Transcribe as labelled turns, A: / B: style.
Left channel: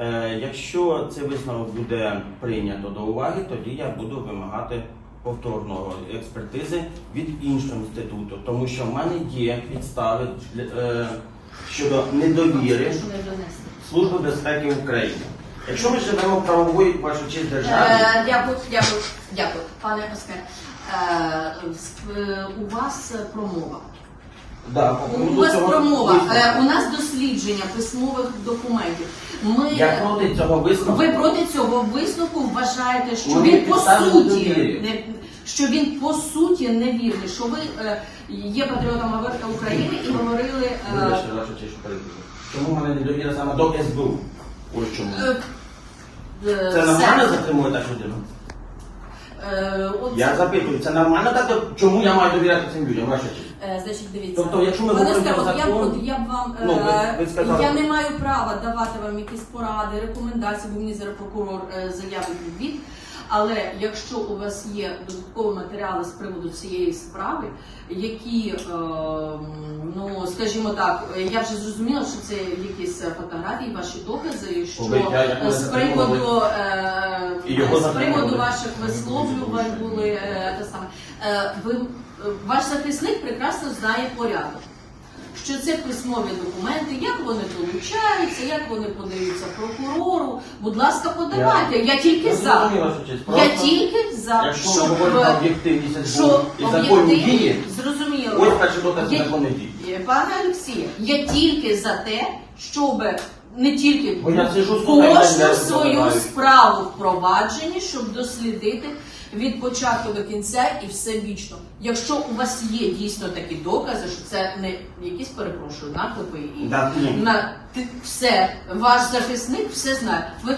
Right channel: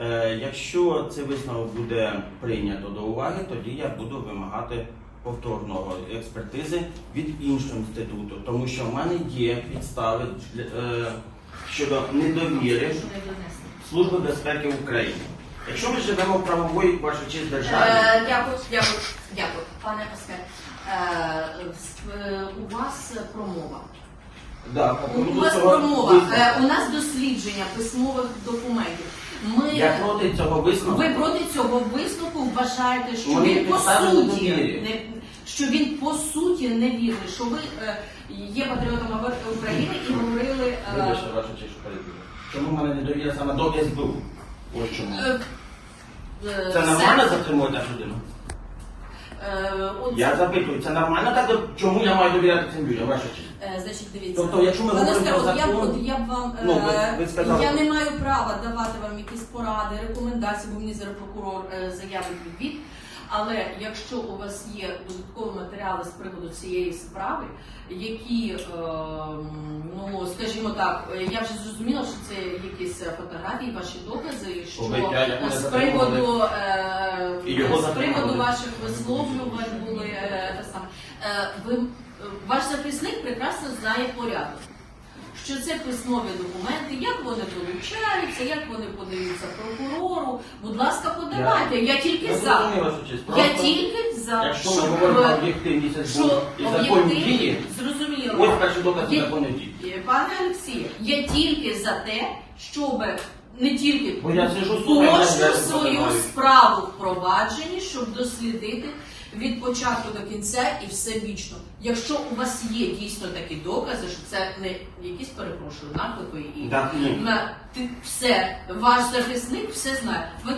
A: Е, Якщо цей висновок буде прийнято до уваги, тоді я буду вимагати повторного експертизи від іншого інституту, тому що в мене є підстави е, щодо недовіри. Служби безпеки України. Якщо ми живемо в правової честь державі,
B: Е, Дякую, дякую, дякую, пане Оскар. Е, У вас промова.
A: да,
B: У вас промова. У нас дослідження письмових документів. Ми
A: я проти цього висновку.
B: ви проти цього висновку вважаєте, що
A: Мені
B: він по
A: підстави
B: суті не що він по суті невірний, що ви е, є патріотом Авер- України і говорили. е,
A: Вибачте, ваша честь, що перебуваю. Чому в мене недовіра саме до СБУ? Ось чому.
B: е, е,
A: Це нормально затримує так людину?
B: Е,
A: Я запитую, це нормально так? От Чому я маю довіряти цим людям, ваша честь?
B: Е, Значить, дивіться.
A: Тобто, якщо ми говоримо про
B: я,
A: закон-
B: от я б вам е,
A: Ну, ви- ви сказали-
B: я не маю права давати вам якісь поради, рекомендації, бо мені зараз прокурор е, заявить відвід. Але якщо у вас є додаткові матеріали з приводу цієї справи, які, е, ну скажімо так, я вже зрозуміла, що це якісь фотографії, ваші докази, що з приводу е, з приводу ваших висловлювань були е, те саме. Ви ваш захисник прекрасно знає порядок. Що це письмові документи, як вони вилучаються, як вони подаються прокурору. Будь ласка, подавайте. Я, тільки
A: Я
B: за. Я тільки за.
A: Якщо
B: щоб, е,
A: об'єктивність дії,
B: зрозуміло.
A: ось.
B: Е, Пане Олексію, я тільки за те, щоб не тільки
A: Бо я сижу,
B: кожну свою справу впроваджені, щоб дослідити від початку до кінця і все вічно. Якщо у вас є дійсно такі докази, що це не якісь перепрошую наклепи і
A: Так, ні.
B: на ти- все, ваш захисник все знає. Ви